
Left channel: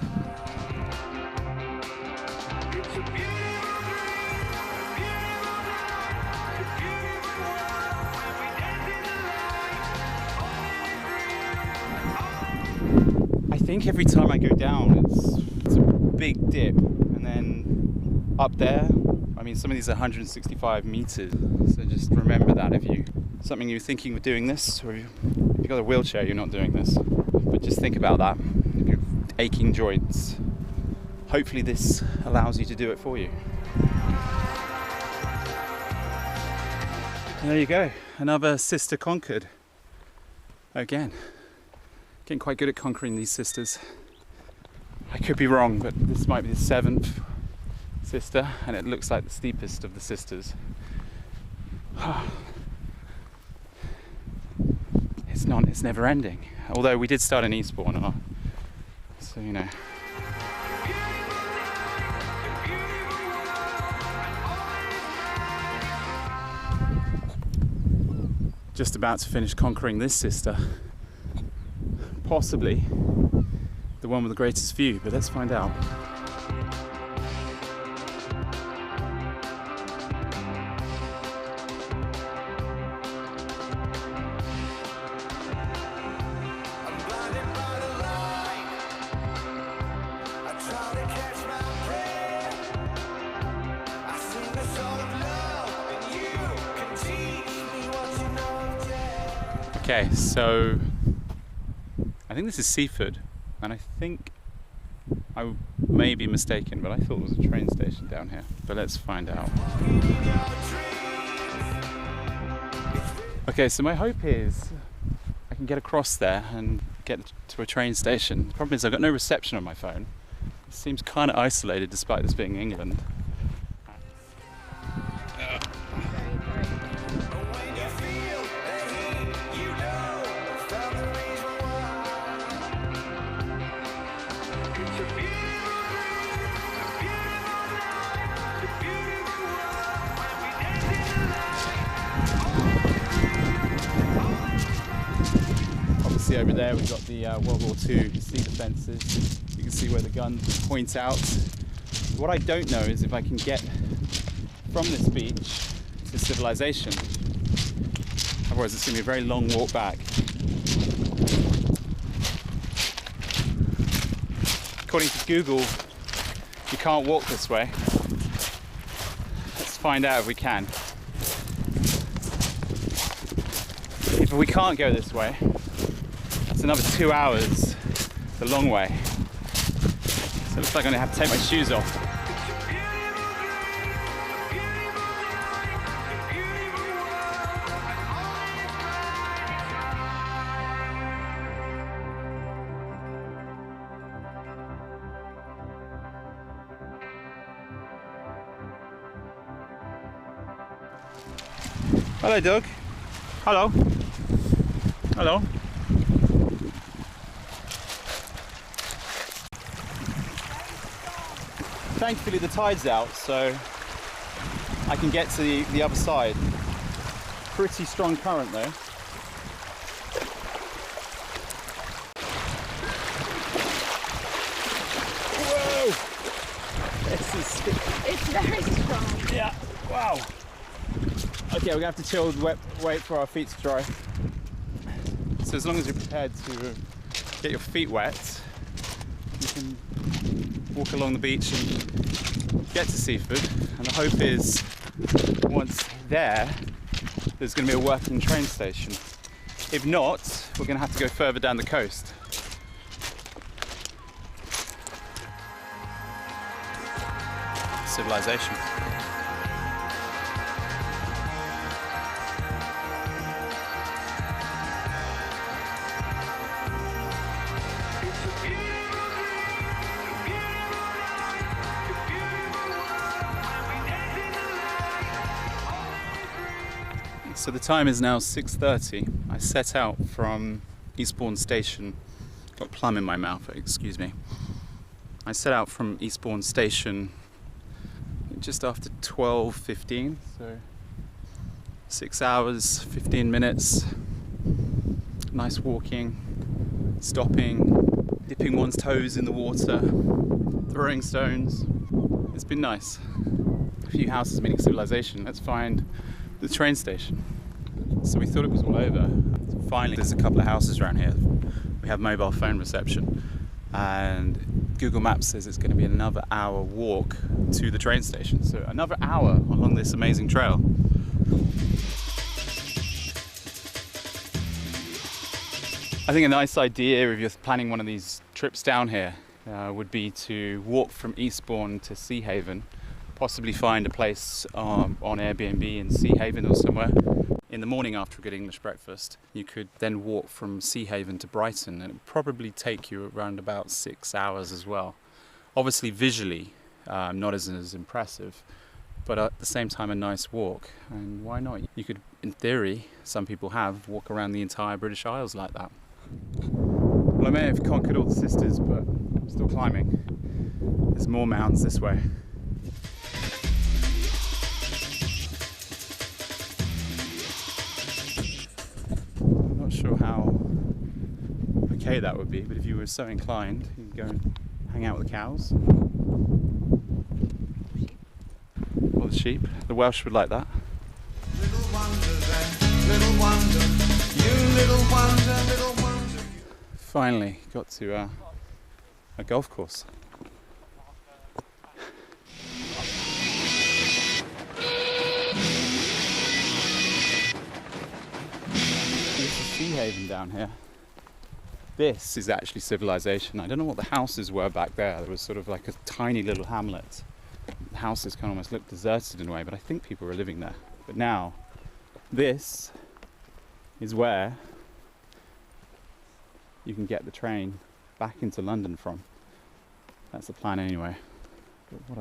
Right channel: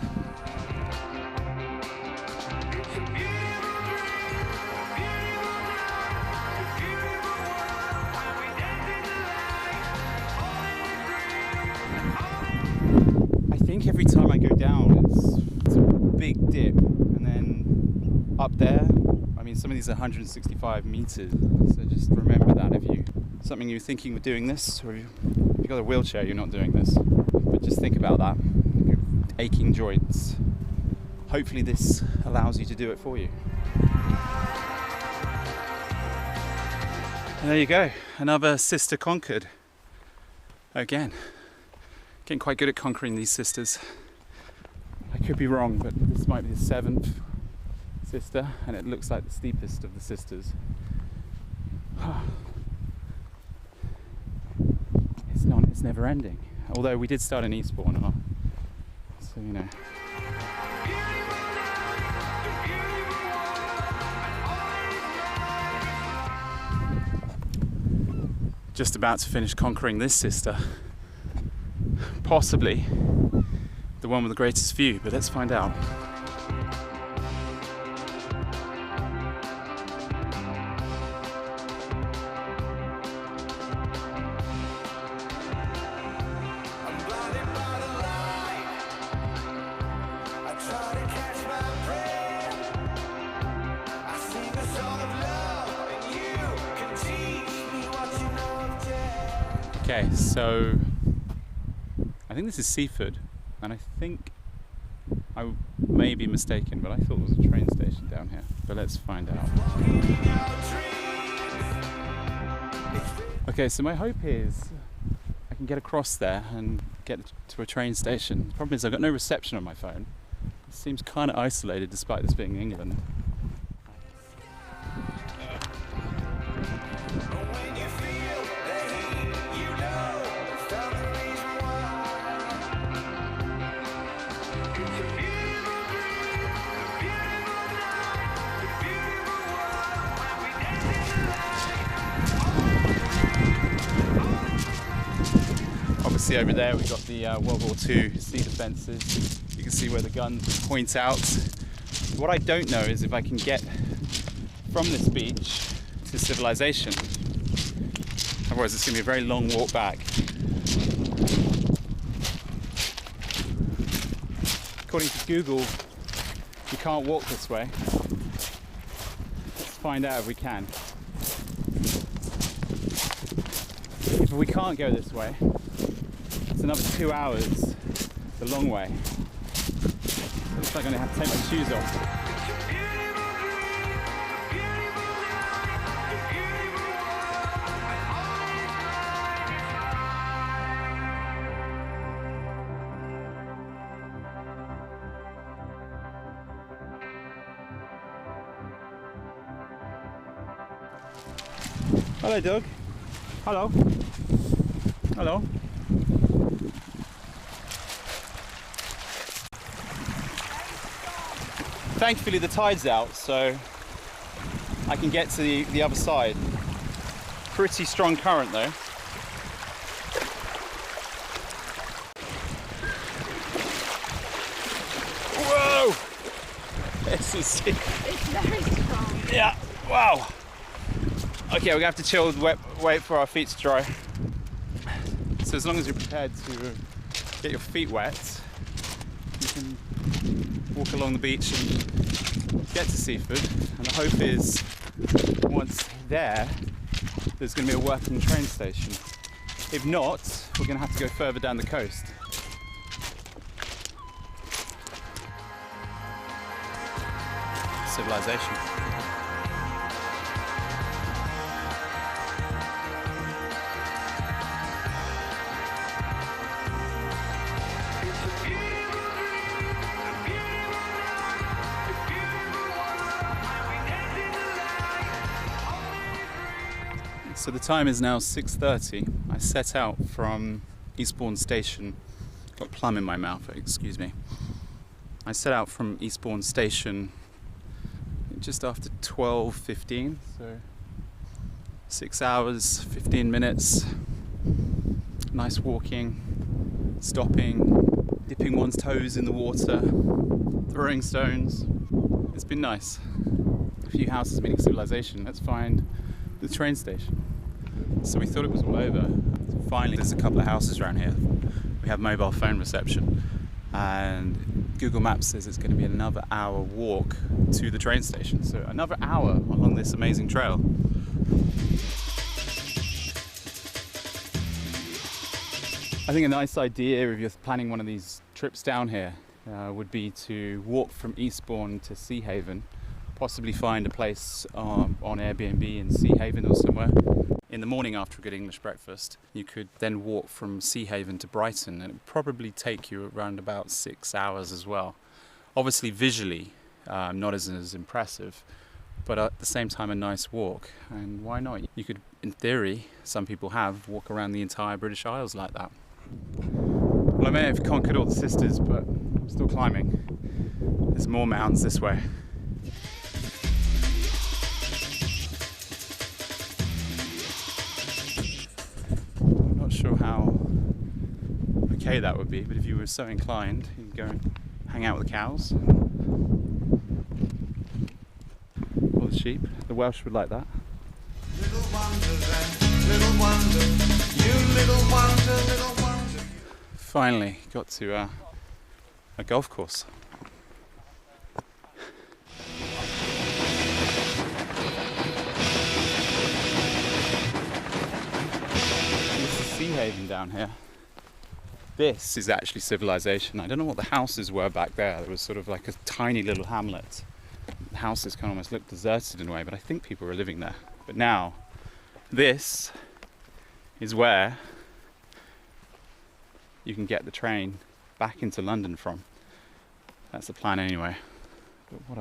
I think every time I go down, it's a big dip, and then up there, I mean, some of these are 165 meters. So just remember that if you're thinking of doing this, or if you've got a wheelchair, you're not doing this. But just think about that. If you're aching joints, hopefully this allows you to do it for you. And there you go, another sister conquered. Again. Getting quite good at conquering these sisters. I could be wrong, but this might be the 7th sister, and it looks like the steepest of the sisters. It's never ending. Although we did start in Eastbourne, so you know. Just about to finish conquering this sister. Possibly the one with the greatest view, but let's find out. Okay, so I think this is Seaford, and I think I may be mistaken, but I thought it was a train station down here. But let's find out. Okay, so my hope is I can get across there and get to a train station. The problem is I've got no reception on my phone. It seems kind of isolated despite this being England. see over there, we've got the World War II sea defences. You can see where the guns point out. What I don't know is if I can get from this beach to civilization. Otherwise it's going to be a very long walk back. According to Google, you can't walk this way. Let's find out if we can. If we can't go this way, that's another 2 hours, the long way. So it looks like I'm going to have to take my shoes off. Hello, Doug. Hello. Hello. Thankfully the tide's out, so I can get to the other side. Pretty strong current though. Whoa! This is... It's very strong. Yeah, wow. Okay, we're gonna have to chill, wait for our feet to dry. So as long as you're prepared to get your feet wet, you can walk along the beach and get to Seaford. And the hope is, once there, there's gonna be a working train station. If not, we're gonna have to go further down the coast. Civilization. So the time is now 6:30. I set out from Eastbourne Station. Got plum in my mouth, excuse me. I set out from Eastbourne Station just after 12:15, so 6 hours, 15 minutes. Nice walking, stopping, dipping one's toes in the water, throwing stones. It's been nice. A few houses meaning civilization. Let's find the train station. So we thought it was all over. Finally, there's a couple of houses around here. We have mobile phone reception, and Google Maps says it's going to be another hour walk to the train station. So another hour along this amazing trail. I think a nice idea if you're planning one of these trips down here would be to walk from Eastbourne to Seahaven, possibly find a place on Airbnb in Seahaven or somewhere. In the morning after a good English breakfast, you could then walk from Seahaven to Brighton, and it would probably take you around about 6 hours as well. Obviously visually not as impressive, but at the same time a nice walk. And why not? You could, in theory, some people have, walk around the entire British Isles like that. Well, I may have conquered all the sisters, but I'm still climbing. There's more mountains this way. Not sure how okay that would be, but if you were so inclined, you can go and hang out with the cows or the sheep. The Welsh would like that. Little wonder then, little wonder, you little wonder, little wonder. Finally got to a golf course. Seahaven down here. This is actually civilization. I don't know what the houses were back there. There was sort of like a tiny little hamlet. The houses kind of almost look deserted in a way, but I think people were living there. But now, this is where you can get the train back into London from. That's the plan anyway. But what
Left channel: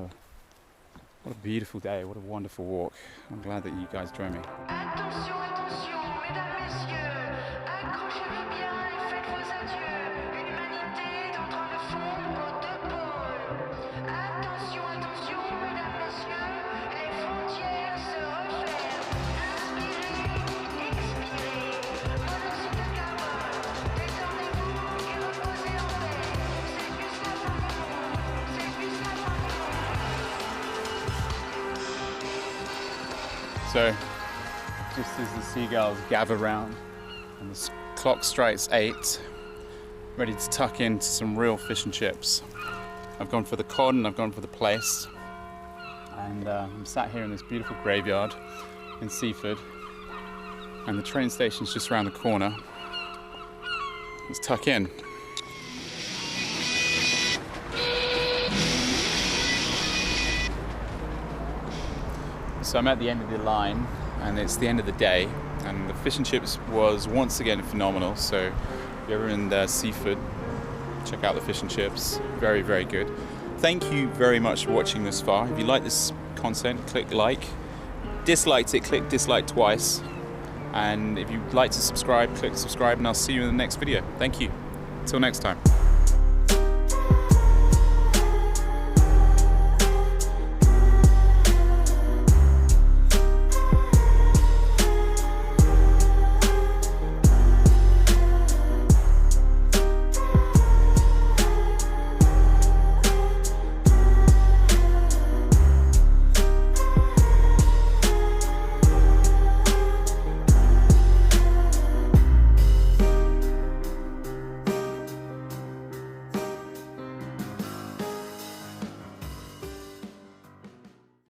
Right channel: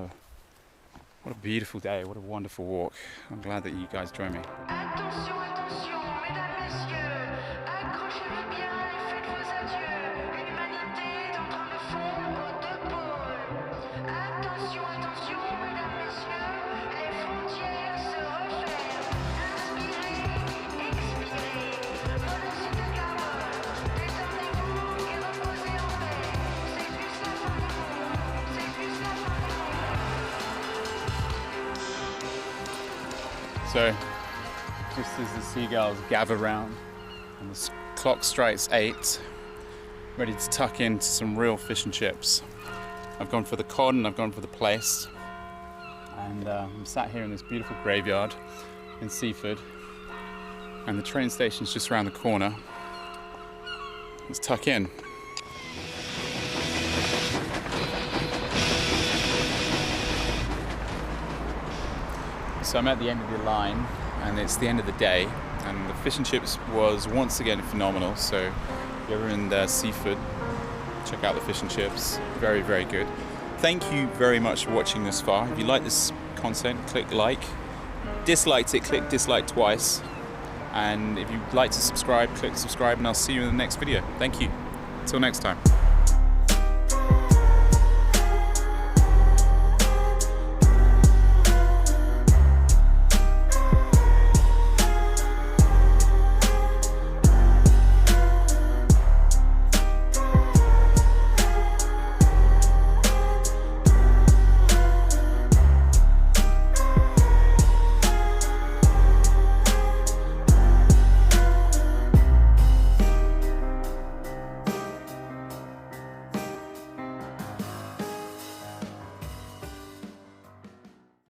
a beautiful day, what a wonderful walk. I'm glad that you guys joined me. Attention, attention, mesdames, messieurs, accrochez-vous bien et faites vos adieux. L'humanité est en train de fondre aux deux pôles. Attention, attention, mesdames, messieurs, les frontières se referment. Inspirez, expirez, monoxyde de carbone, détente. So just as the seagulls gather round and the clock strikes 8, ready to tuck into some real fish and chips. I've gone for the cod and I've gone for the plaice, and I'm sat here in this beautiful graveyard in Seaford, and the train station's just around the corner. Let's tuck in. So I'm at the end of the line, and it's the end of the day, and the fish and chips was once again phenomenal. So if you're ever in Seaford, check out the fish and chips. Very, very good. Thank you very much for watching this far. If you like this content, click like. Disliked it, click dislike twice. And if you'd like to subscribe, click subscribe, and I'll see you in the next video. Thank you. Until next time.